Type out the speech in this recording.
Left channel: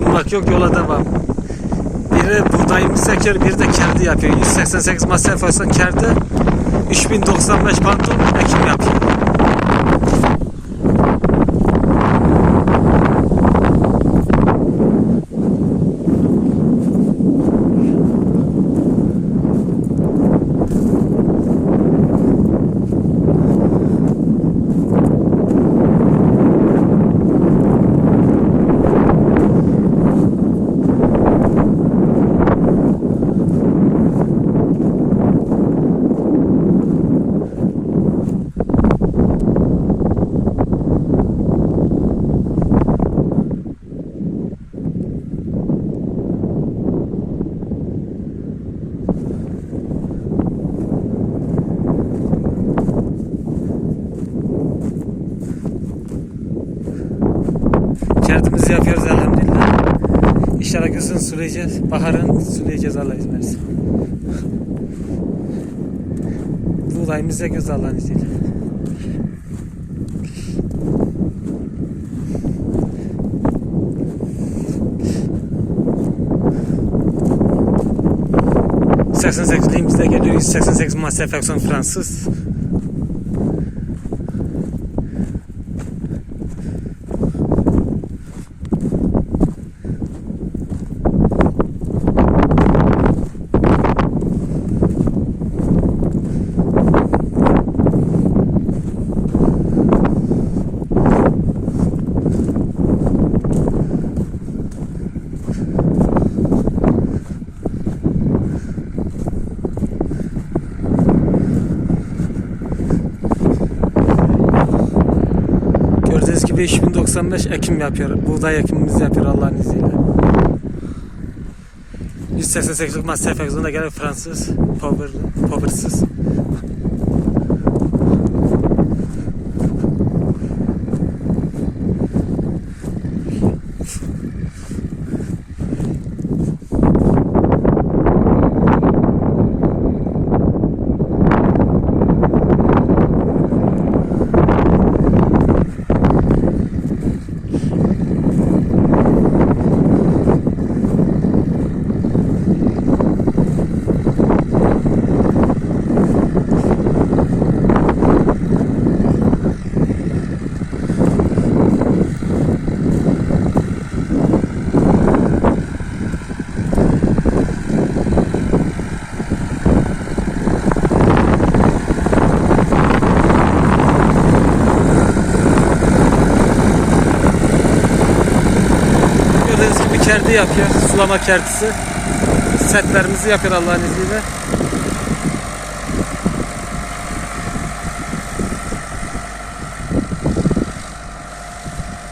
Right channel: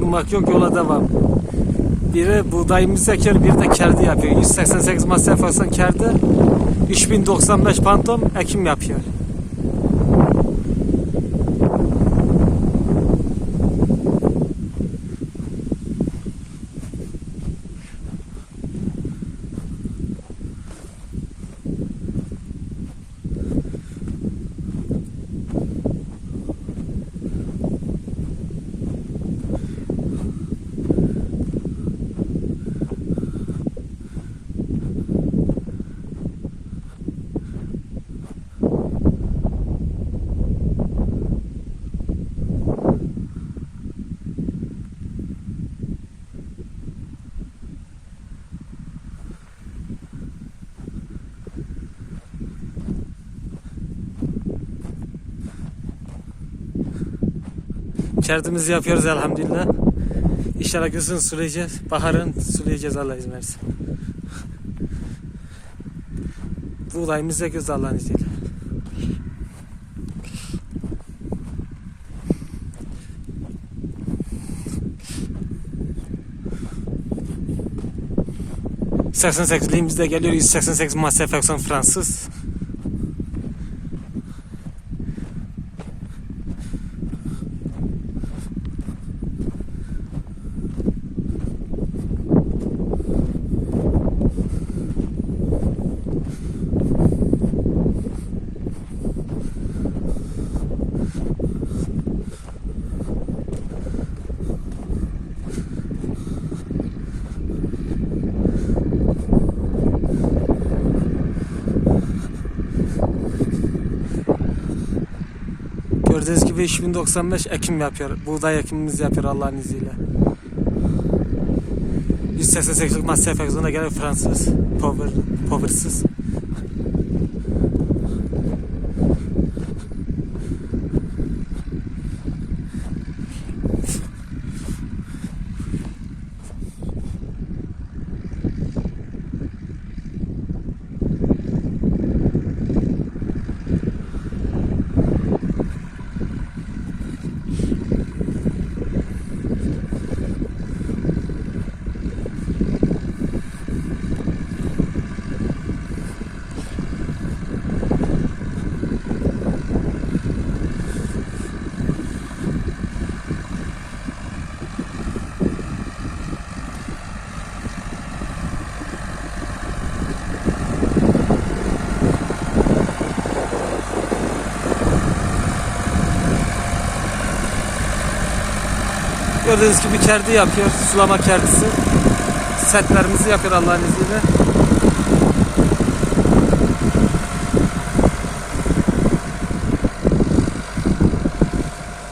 durmak yok yola devam. Biri buğdayımız ekiyor, biri de kerdi yapıyor. 188 masraf olsan kerdi, 3095 pantol ekim yapıyor. Kerdimizi yapıyoruz elhamdülillah. İnşallah güzün sulayacağız. Baharın sulayacağız Allah izin versin. Buğdayımız da göz Allah'ın izniyle. ...88'liğimizde geliyor... ...188 masraf aksan Fransız... Gördüğünüz gibi 3095 ekim yapıyor. Buğday ekimimizi yapıyor Allah'ın izniyle. 188'lik masraf egzona gelen Fransız, power, powersız. Kerdi yapıyor. Sulama kerdisi. Setlerimizi yapıyor Allah'ın izniyle.